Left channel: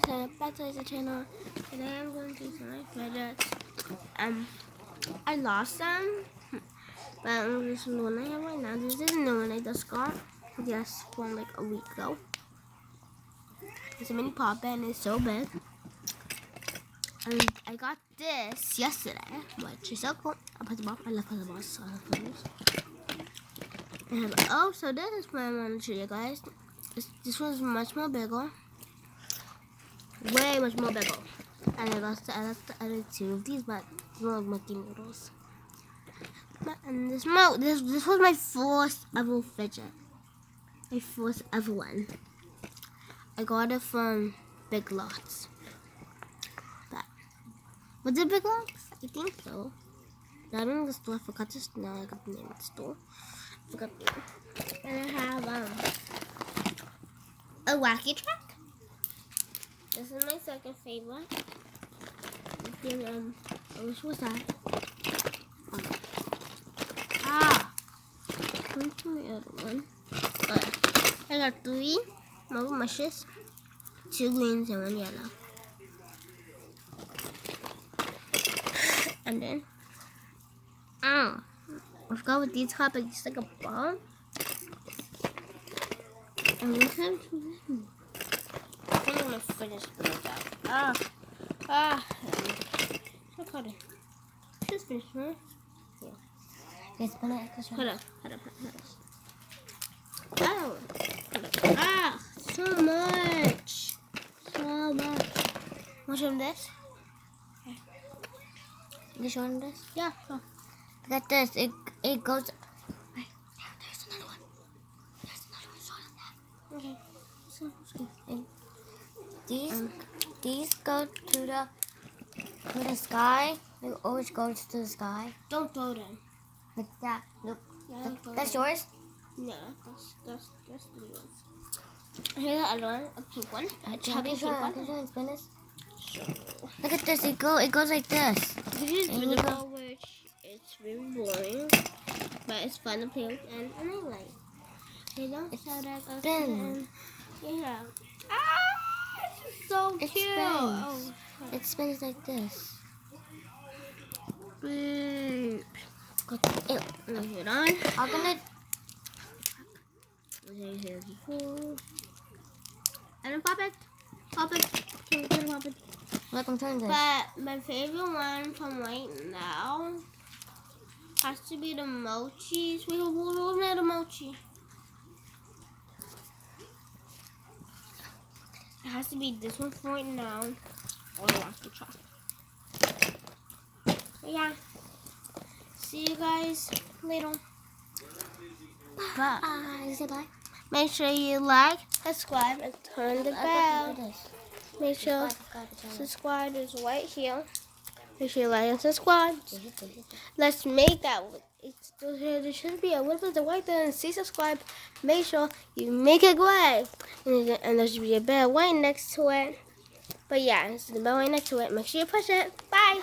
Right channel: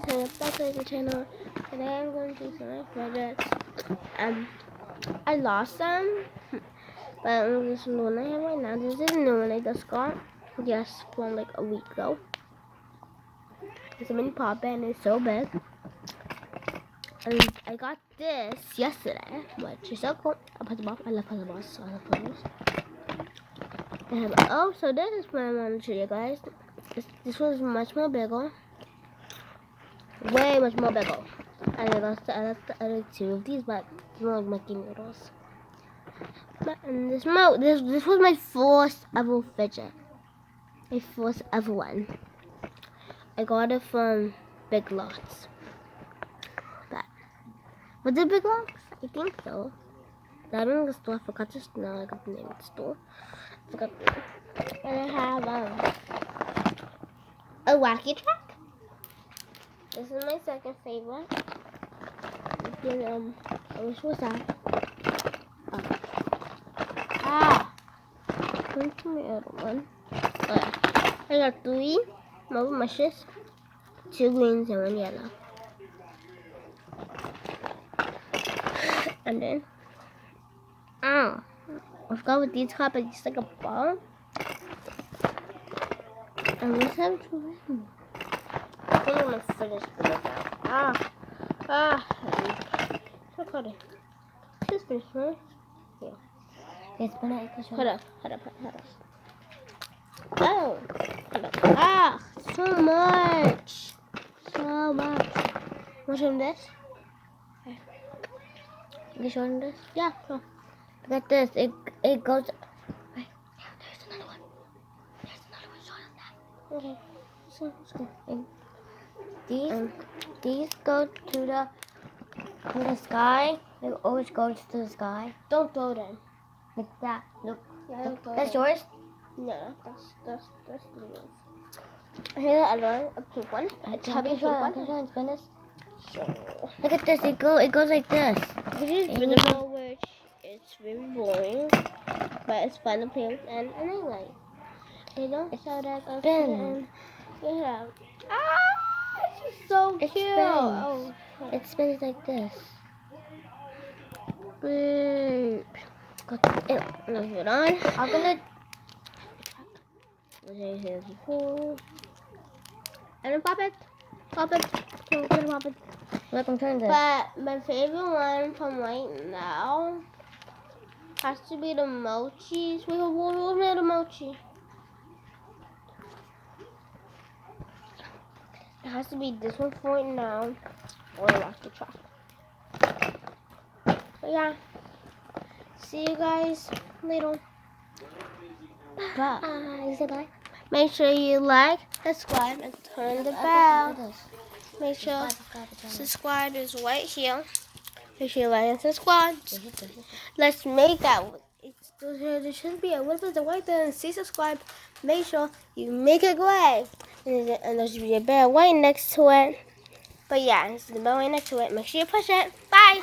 guys, back to the channel. Today I'm going to do some fidgets. I lost them, but I'm just doing them right now. This is new one I just got. Just from like a week ago. It's a mini pop and it's so big. And I got this yesterday, which is so cool. I'll put the ball. I love putting the balls, so I love putting this. And so this is what I want to show you guys. This one's much more bigger. Way much more bigger. And I lost the other two of these, but they're like Mickey noodles. And this was my first ever fidget. My first ever one. I got it from Big Lots. But was it Big Lots? I think so. I don't know the store. I forgot to know. I got the name of the store. I forgot the name. And I have a wacky track. This is my second favorite. This was that. Where's my other one? I got 3 marble mushes, 2 greens and 1 yellow. And then, I forgot what these have, but it's like a ball. And let's have to win. I think I'm gonna finish with that. So cut it. Just finish, right? Yeah. Hold up. Oh, so much. Want to show them this? You show them this? Yeah. Cool. Look at this. It goes. Right. There's another one. Show them that. Okay. Let's go. These go to the sky. They always go to the sky. Don't throw them. Like that. Look. Yeah, that's yours? No, that's the yours. Here's the other one, a pink one. A chubby pink one. Can you spin this? Sure. Look at this. It goes like this. This is beautiful, which it's really boring, but it's fun to play with and I like. You know, so that spins. Yeah. It's so cute. It spins like this. Great. Got it. Move it on. I'm gonna. And then pop it. Pop it. Let them turn this. But my favorite one from right now has to be the mochis. We'll make the mochi. It has to be this one for right now, or I'll have to try. But yeah, see you guys later. Bye. Say bye. Make sure you like, subscribe, and turn the bell. Make sure subscribe is right here. Make sure you like and subscribe. Let's make that. There should be a little bit right there and say subscribe. Make sure you make it gray. And there should be a bell right next to it. But yeah, it's the bell right next to it. Make sure you push it. Bye.